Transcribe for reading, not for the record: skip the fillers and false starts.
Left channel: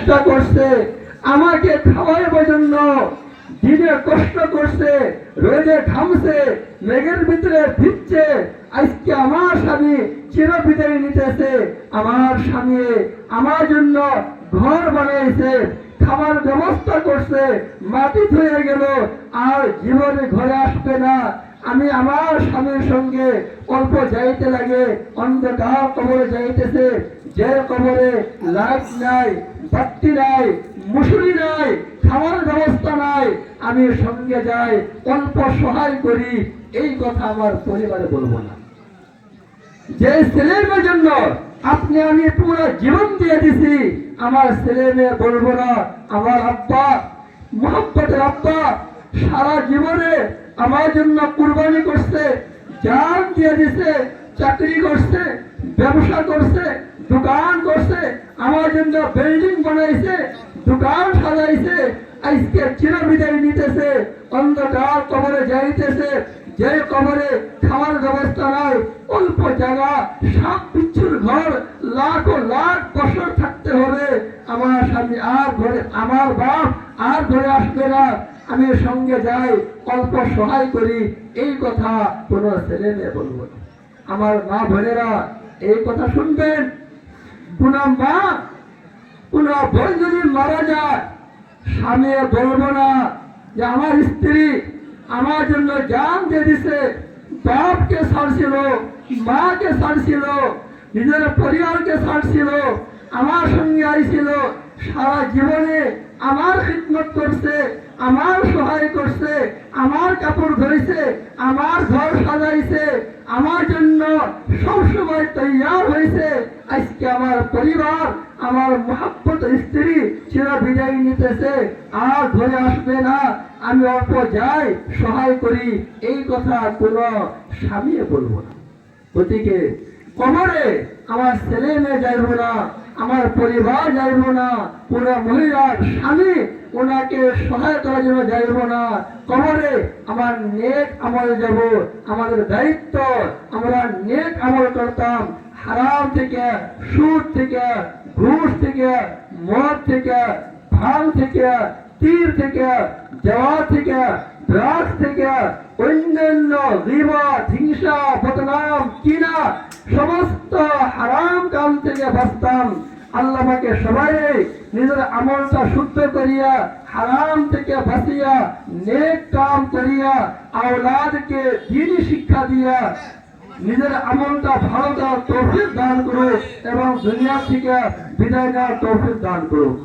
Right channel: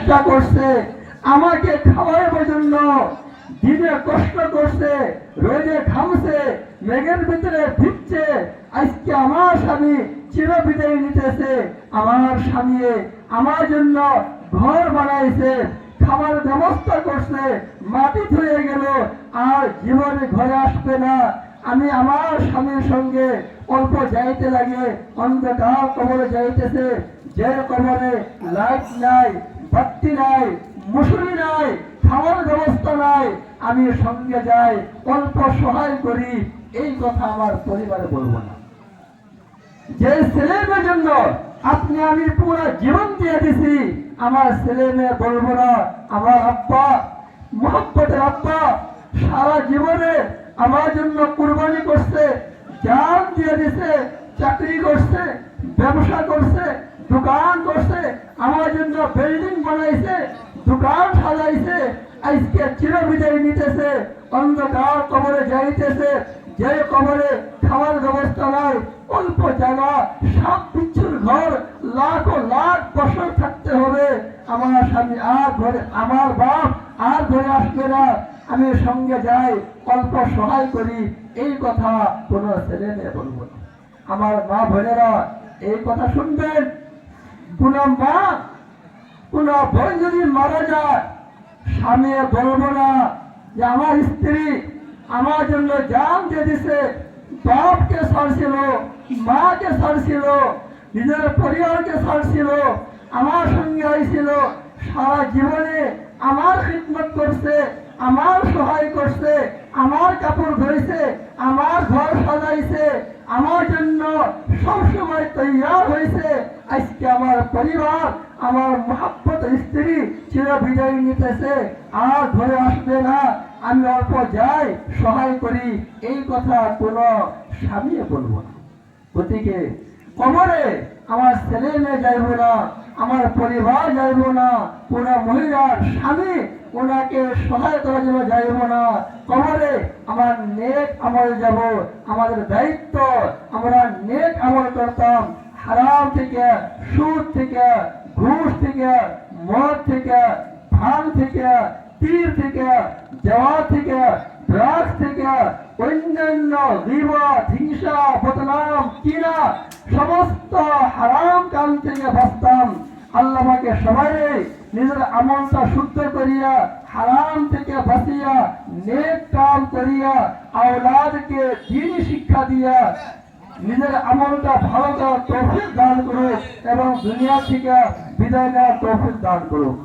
চেষ্টা করছে, আমাকে খাওয়ার জন্য দিনে কষ্ট করছে, রোদে ঘামছে, মেঘের ভিতরে ভিজছে। আজকে আমার স্বামী চির বিদায় নিতেছে। আমার স্বামী আমার জন্য ঘর বানাইছে, খাবার ব্যবস্থা করছে, মাটি ধুয়ে গেল, আর জীবনে ঘরে আসবে না। আমি আমার স্বামীর সঙ্গে অল্প যাইতে লাগে, অন্ধকার কবরে যাইতেছে, যে কবরে লাইট নাই, বাতি নাই, মুসুরি নাই, খাওয়ার ব্যবস্থা নাই। আমি সঙ্গে যাই, অল্প সহায় করি, এই কথা আমার পরিবারে বলবো না। যে ছেলে মেয়ের জন্য আপনি আমি পুরো জীবন দিয়ে দিছি, আমার ছেলে মেয়ে বলবো না আমার আব্বা, মোহাম্মতের আব্বা সারা জীবনে আমার জন্য কুরবানি করছে, জান দিয়ে দিছে, চাকরি করছে, ব্যবসা করছে, দোকান করছে, আমার জন্য বিল্ডিং বানাইছে, দোকান সাজাইছে। আজকে চির বিদায় নিতেছে, অন্ধকার কবরে যাইতেছে, যে কবরে খাওয়ার ব্যবস্থা নাই, অল্প জায়গা, সাপ বিচ্ছুর ঘর, লাখ ও লাখ বছর থাকতে হবে। আমার স্বামী আর ঘরে, আমার বাপ আর ঘরে আসবে না। আমি সঙ্গে যাই, অল্প সহায় করি, এই কথা কোন ছেলে মেয়ে বলবো না। আমার মা বোনেরা এই কথা শুনবেন। কোন মা, কোন বোন যদি মারা যায়, স্বামী বলবো না যে আমার স্ত্রী আমার জন্য জান দিয়ে দিছে, বাপকে ছাড়ছিল, মাকে ছাড়ছিল, নিজের পরিবারকে ছাড়ছিল, আমার সঙ্গে আইছিল, সারা জীবনে আমার খিদমত করছে, আমার সহায় করছে, আমার কাপড় ধরেছে, আমার ঘর সাজাইছে, আমার জন্য সবসময় তৈয়ার হয়েছে। আজকে আমার পরিবার, আমার মহাব্বত স্ত্রী চির বিদায় নিতেছে, আর ঘরে আসবে না। আমি অল্প যাই, সহায় করি, এই কথা কোন স্বামী বলবো না। গতিকে কবরে আমার ছেলে মেয়ে যাইব না, আমার পরিবার যাইব না, কোন মহিলার স্বামী ওনাকে সহায় করার জন্য যাইব না। কবরে আমার নেক আমল যাব, আমাদের দায়িত্ব আমরা নেক আমল করতাম। হারাম থেকে, সুদ থেকে, ঘুষ থেকে, মদ থেকে, ভাঙ থেকে, তীর থেকে, জওয়া থেকে, ড্রাগস থেকে, অন্যান্য গীবত, হিংসা, বদনাম, কিনা সমস্ত হারাম কাম থেকে বাঁচতাম। আল্লাহ আমাকে সবাই নিজের আমলটা শুদ্ধ করিয়া, হারাম থেকে বাঁচিয়া, নেক কাম করিয়া, আওলাদকে দ্বীন শিক্ষা দিয়া নিজের আমলটা ভালো দেওয়ার তৌফিক দান করুক এবং দুনিয়া থেকে বিদায় নেওয়ার তৌফিক দান করুক।